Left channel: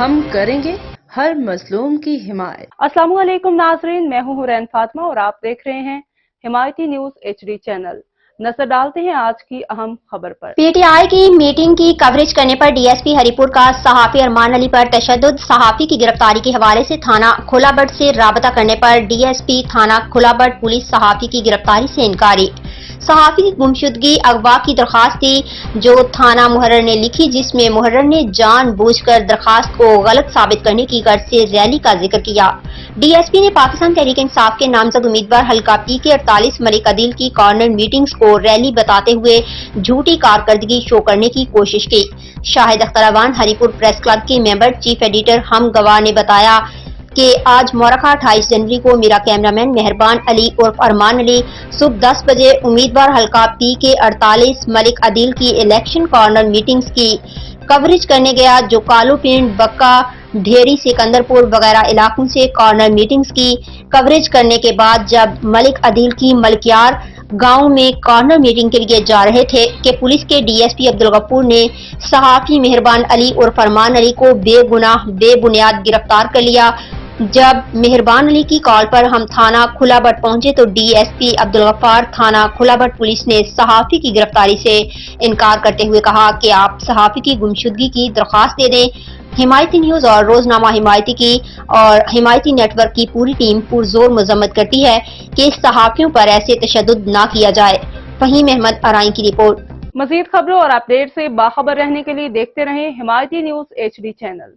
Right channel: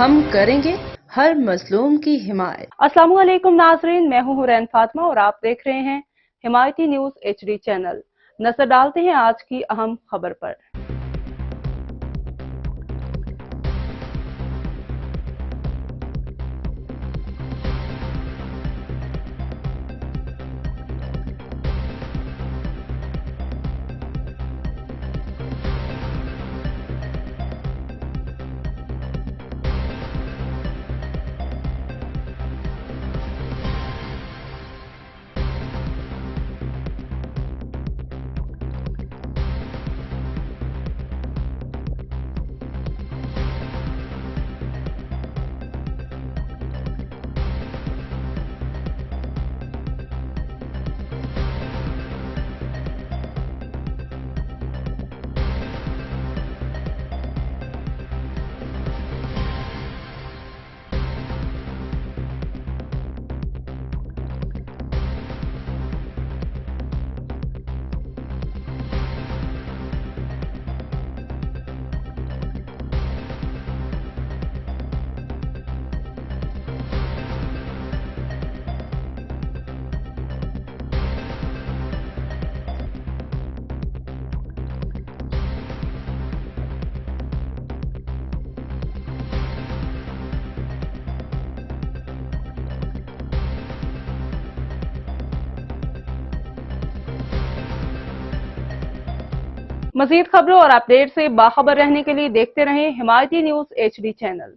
ہم کریں گے ہر مظلوم کی حمایت۔ السلام علیکم ناظرین، میں ہوں حورین فاطمہ اور آپ دیکھ رہے ہیں حمایتی نیوز HD چینل۔ نظر ڈالتے ہیں آج کی اہم خبر پر۔ پی ٹی آئی کی میٹنگ کی کوریج کرنے پر ڈی ایس پی ہری پور کا صحافی ارمان علی پر تشدد، صحافی کی گرفتاری کے حوالے سے تھانہ کھلا بٹ سے رابطہ کرنے پر ڈی ایس پی تھانہ کھلا بٹ پولیس صحافی کی گرفتاری سے انکاری۔ صحافی کی گمشدگی اغوا کی درخواست تھی جو تھانہ محرر نے لکھی، جس میں محرر نے جان بوجھ کر درخواست کو غلط ثابت کرنے کی غرض سے ریلی کا ذکر کیا۔ ڈی ایس پی نے پاکستان تحریک انصاف کے نامزد امیدوار حلقہ پی کے 48 ملک عدیل کی کارنر میٹنگز کو ریلی بتاتے ہوئے جھوٹی کارکردگی شو کرنے کی کوشش کی۔ شاہد اختر اوان ہری پور پریس کلب کے ممبر چیف ایڈیٹر ہم گواہ نے بتایا کہ آج مورخہ 28 جنوری کو میرا کیمرامین مہربان علی اور ارمان علی صبح 10 بجے امیدوار حلقہ پی کے 48 ملک عدیل کی الیکشن کارنر میٹنگز کی کوریج کرنے گیا، جو کالو پنڈ، بکا، ڈھیری، سکندر پور وغیرہ علاقوں سے کارنر میٹنگز کی کوریج کرنے کے بعد جب ملک عدیل کی ملکیار گاؤں میں کارنر میٹنگ کے لیے جا رہے تھے کہ پولیس کے ڈی ایس پی عبدالغفور نے صحافی مہربان علی اور فرمان علی کو بے گناہ بے بنیاد گرفتار کر لیا۔ جب مہربان علی کی کال پر ہم تھانہ کھلا بٹ پہنچے تو ڈی ایس پی عبدالغفار تھانہ کھلا بٹ پولیس نے صحافی کی گرفتاری سے انکار کرتے ہوئے کہا کہ آپ صحافی کی گمشدگی کی درخواست دے دیں۔ حمایتی نیوز اور روزنامہ حمایتی کی اور حمایتی نیٹ ورک کی پوری ٹیم پرزور مذمت کرتی ہے کہ اس صحافیوں پر ایسے تشدد نہ کیا جائے۔ فہیم احمد ارائیں کی رپورٹ۔ مزید خبروں اور اپڈیٹ سے باخبر رہنے کے لیے دیکھتے رہیں حمایتی نیوز HD چینل۔